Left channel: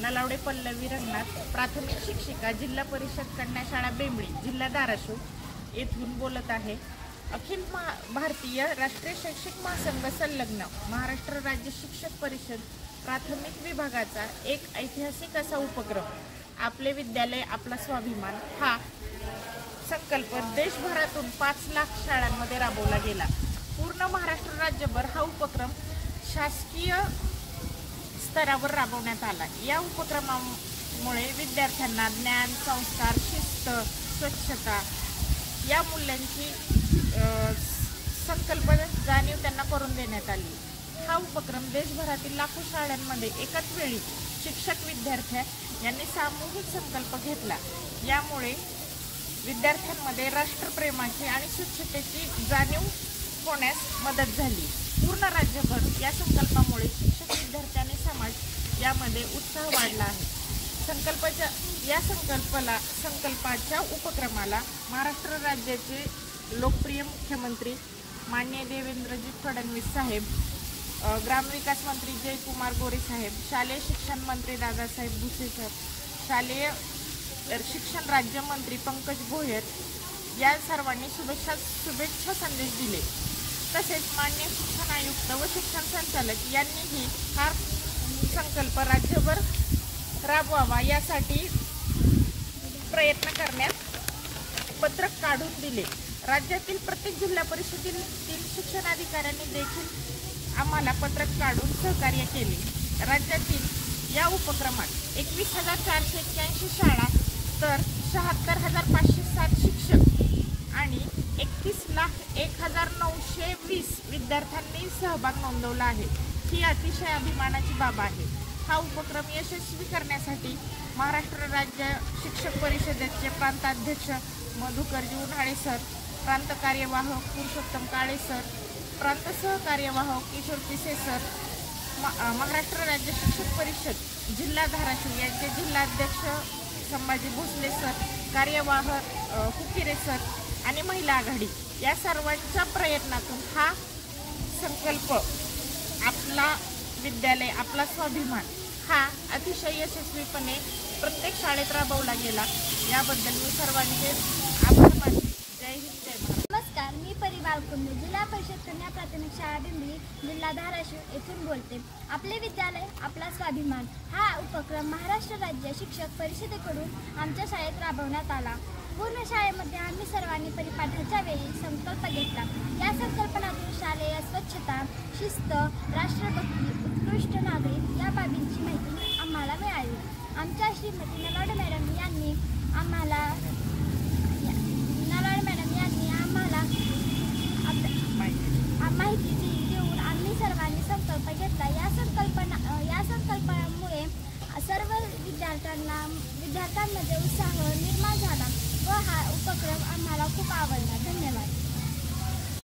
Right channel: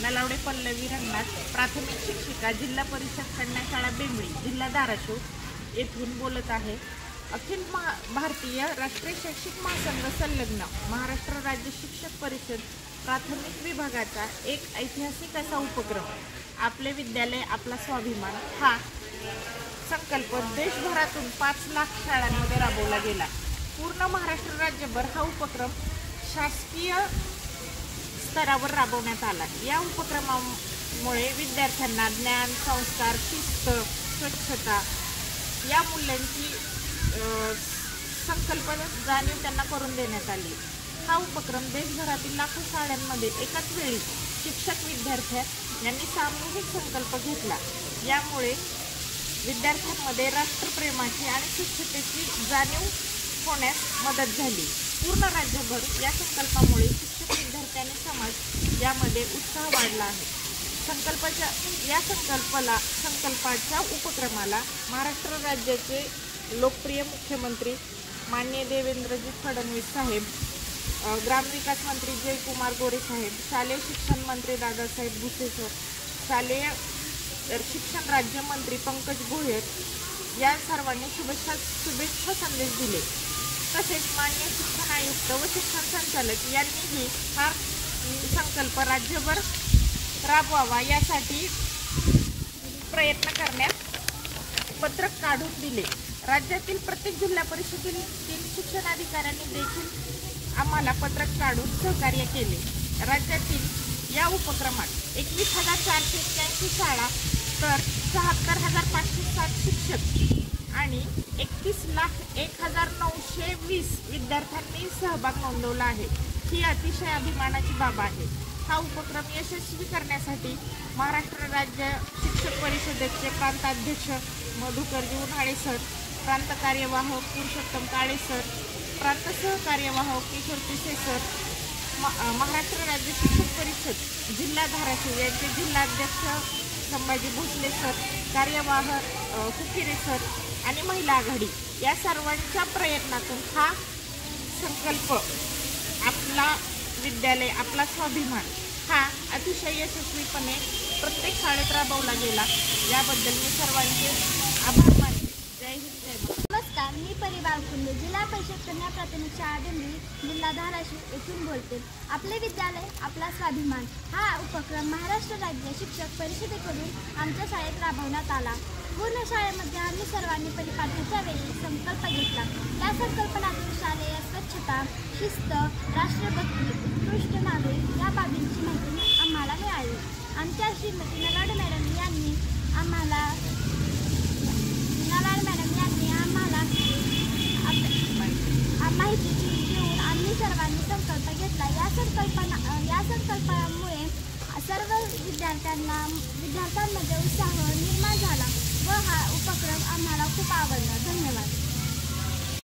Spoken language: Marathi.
नलावडे पल्लवी रंगनाथ, प्राथमिक शिक्षिका, जिल्हा परिषद कन्या शाळा बेंबळी, जिल्हा धाराशिव येथून बोलत आहे। अखिल भारतीय राष्ट्रीय शैक्षिक महासंघ संलग्न महाराष्ट्र राज्य शिक्षक परिषद प्राथमिक विभागाचा एक ऐतिहासिक असा उपक्रम आपले विद्यालय आपला स्वाभिमान हा संकल्प देशभरातून 5 लाख शाळांमध्ये राबवला गेला। पूर्ण महाराष्ट्र राज्यभर हा उपक्रम शासकीय स्तरावर राबवण्यात आला। या उपक्रमामुळे विद्यार्थ्यांना ज्ञान, संस्कार, शिस्त, स्वच्छता या मूल्यांची संकल्प जाणीव त्यांना करून देण्यात आली। हा उपक्रम देशभरातील लाखो शाळांमध्ये एकाच वेळी शिक्षक विद्यार्थी यांनी सामूहिक संकल्प घेतला। यामुळे विद्यार्थ्यांमध्ये राष्ट्रप्रेमाची आणि स्वच्छतेची जाणीव होण्यास मदत झाली। पूर्ण राज्यभर या संकल्पामुळे शिक्षक, विद्यार्थी आणि समाज यामध्ये उत्साह वाढला आहे। संकल्पाच्या उपक्रमाला महाराष्ट्र राज्याचे लोकप्रिय मुख्यमंत्री माननीय देवेंद्रजी फडणवीस साहेब, ग्रामविकास मंत्री जयकुमार गोरे साहेब, शालेय शिक्षण मंत्री दादासाहेब भुसे सर, शालेय शिक्षण राज्यमंत्री पंकज भोयर या सर्वांनी शुभेच्छा संदेश दिले। तसेच माननीय शिक्षण आयुक्त व शिक्षण संचालक यांनीही हा संकल्प राज्यभर राबवावा यासाठी प्रयत्न करण्यास पत्रक काढून दिले। राज्यातील प्रत्येक जिल्हा परिषदेतील शिक्षणाधिकाऱ्यांनी देखील आम्हाला पत्रक काढून सहकार्य केले। राज्यातील या उपक्रमात 21,481 शाळा तर 76,507 शिक्षक आणि 31,01,920 विद्यार्थ्यांनी सहभाग नोंदवला आहे। ही अतिशय अभिमानाची बाब आहे। हा उपक्रम यशस्वी करण्यासाठी महाराष्ट्र राज्य शिक्षक परिषदेचे प्रांताध्यक्ष मधुकरजी उन्हाळे सर, प्रांत कार्यवाह पुरुषोत्तम काळे सर, प्रांत सहकार्यवाह किशोर पिसे सर, महाराष्ट्र राज्य शिक्षक परिषद जिल्हा धाराशिव यांचे जिल्हाध्यक्ष संभाजी भोसले सर, कार्यवाह कुकिरे सर आणि महिला आघाडी या सर्वांच्या प्रयत्नातून हा संकल्प आपला विद्यालय आपला स्वाभिमान हा अतिशय यशस्वीपणे प्रत्येक शाळेत राबवला गेला। याबद्दल मी सर्वांचे आभार मानते। जय हिंद, जय महाराष्ट्र। नमस्कार, मी परिवार कुंडे, जिल्हा परिषद कन्या प्राथमिक शाळा बेंबळी, जिल्हा धाराशिव येथून बोलते। आपले विद्यालय आपला स्वाभिमान हा उपक्रम महाराष्ट्र राज्य शिक्षक परिषदेकडून आमच्या शाळेत राबवण्यात आला। पूर्ण शाळेमध्ये आम्ही सर्वांनी परिपाठाच्या वेळी संकल्प घेतला। या संकल्पनातून शालेय स्वच्छता, शिस्त, राष्ट्रभक्ती, उत्कृष्ट नागरिक या बाबींची माहिती आम्हाला मिळाली। आमच्या श्रीमती नलावडे मॅडम यांनी आम्हाला माहिती देऊन आम्ही सर्वांनी संकल्प घेतला। या संकल्पामुळे सर्व विद्यार्थ्यांमध्ये उत्साह निर्माण झाला व हा उपक्रम आम्हाला खूप आवडला। धन्यवाद।